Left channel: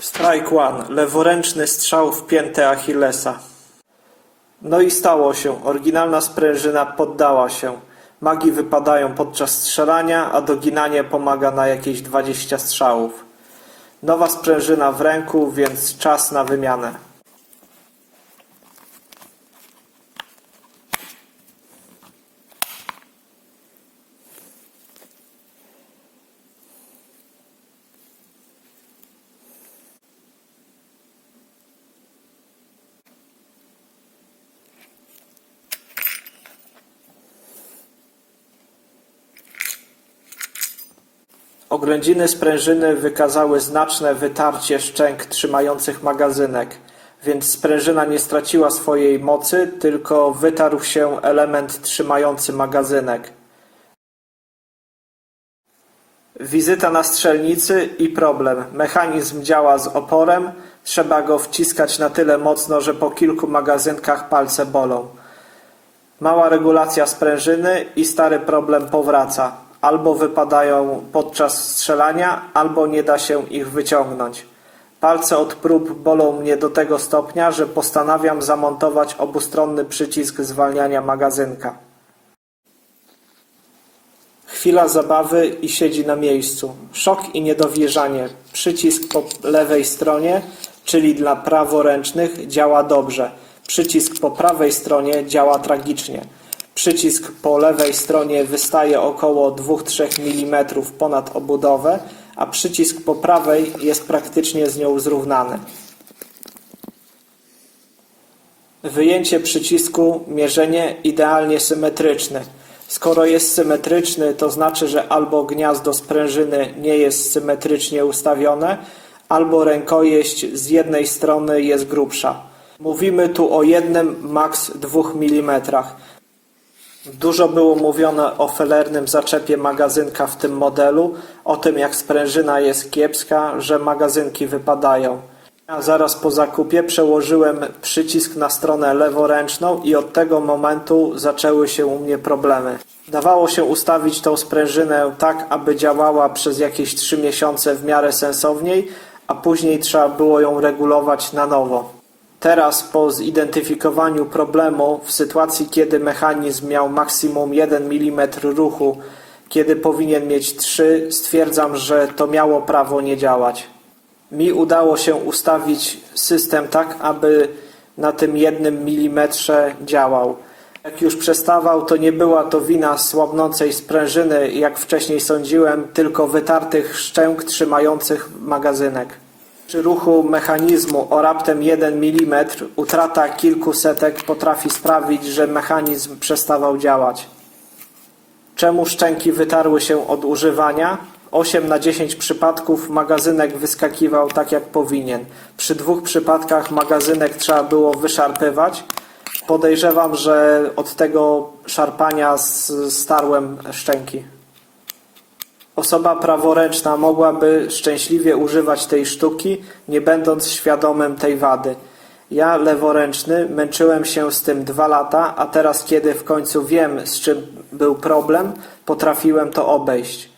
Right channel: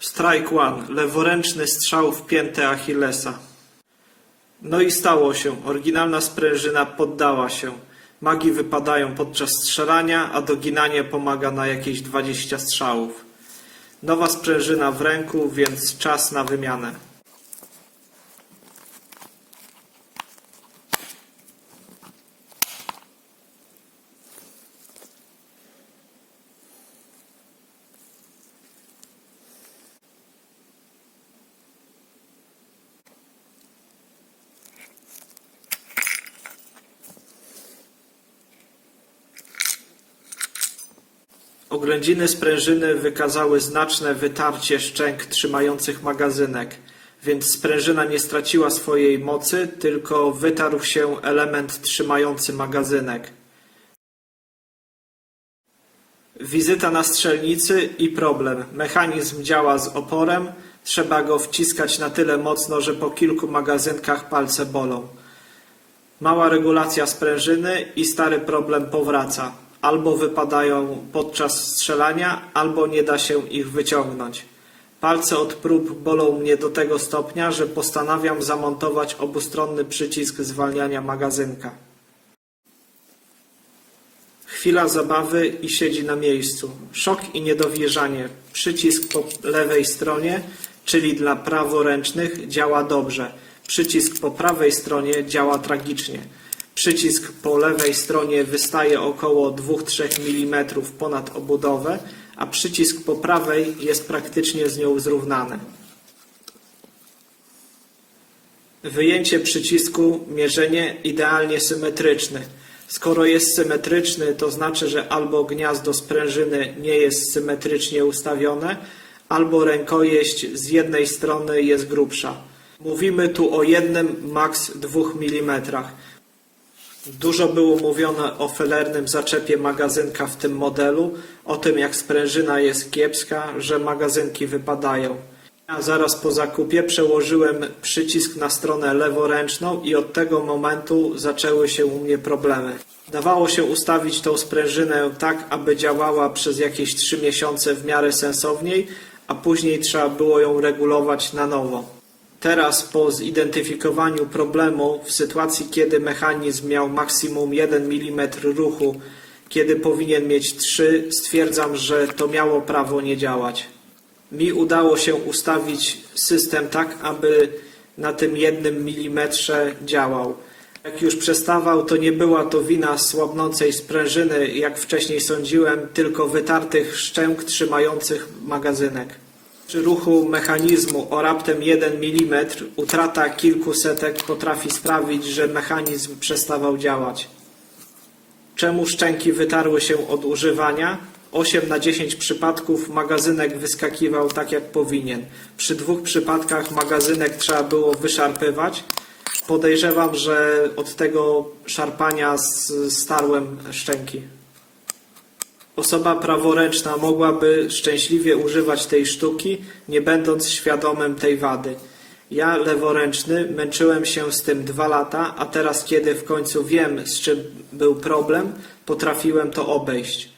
Strike One. Leworęczny strzał w piętę Achillesa. No i stało się. Oryginalna sprężyna poddała się. Magi wypadają podczas strzelania, a doginanie pomaga na jakieś 20 strzałów. Nowa sprężyna w ręku, więc czas na wymianę. Oględziny sprężyny wykazały znaczne wytarcie szczęk trzymających magazynek, więc sprężyna nie straciła swojej mocy, tylko wytarł się element trzymający magazynek. Wizyta na strzelnicy i problem. Mechanizm działa z oporem, trzeba go wciskać na tyle mocno, że po kilku magazynkach palce bolą. Mała regulacja sprężyny i stary problem powraca. Albo wypadają podczas strzelania, albo nie da się ich wyciągnąć. Palce od prób bolą mnie do tego stopnia, że postanawiam zamontować obustronny przycisk zwalniania magazynka. Chwila zabawy i siedzi na miejscu. Szok i niedowierzanie. Przycisk po lewej stronie, czyli dla praworęcznych, działa dobrze. Przycisk po prawej stronie działa tragicznie. Przycisk po lewej stronie wystaje około 2-3 mm ponad obudowę, a przycisk po prawej jest praktycznie z nią zrównany. Wyjęcie przycisku, mierzenie idealnie symetryczne. Skoro jest symetryczny, to znaczy, że albo gniazdo sprężyny nie jest symetrycznie ustawione, albo rękojeść z jednej strony jest grubsza. Mówimy tu o jednym, maks 2 mm. Dużo było mówione o felernym zaczepie magazynka w tym modelu, o tym jak sprężyna jest kiepska, że magazynki wypadają. Zaraz po zakupie przełożyłem przycisk na stronę leworęczną i od tego momentu zaczęły się u mnie problemy. Dawało się ustawić tą sprężynę tak, aby działała przez jakieś 3 miesiące w miarę sensowniej, a później trzeba było ją regulować na nowo. Teraz po zidentyfikowaniu problemu w sytuacji, kiedy mechanizm miał maksimum 1 mm ruchu, kiedy powinien mieć 3, stwierdzam, że to miało prawo nie działać. Mi udało się ustawić system tak, aby na tym jednym milimetrze działał. Jak już przestawał, to nie była to wina słabnącej sprężyny, jak wcześniej sądziłem, tylko wytartych szczęk trzymających magazynek. Przy ruchu mechanizmu o raptem 1 mm utrata kilku setek potrafi sprawić, że mechanizm przestawał działać. Czemu szczęki wytarły się od używania? 8 na 10 przypadków magazynek wyskakiwał tak jak powinien. Przy dwóch przypadkach magazynek trzeba było wyszarpywać. Podejrzewam, że od tego szarpania starłem szczęki. Osoba praworęczna mogłaby szczęśliwie używać tej sztuki, nie będąc świadomym tej wady. Ja, leworęczny, męczyłem się z tym dwa lata, a teraz, kiedy w końcu wiem, z czym był problem, potrafiłem to obejść.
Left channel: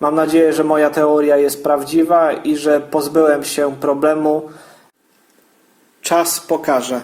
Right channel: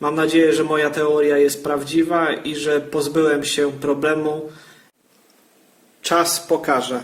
Mam nadzieję, że moja teoria jest prawdziwa i że pozbyłem się problemu. Czas pokaże.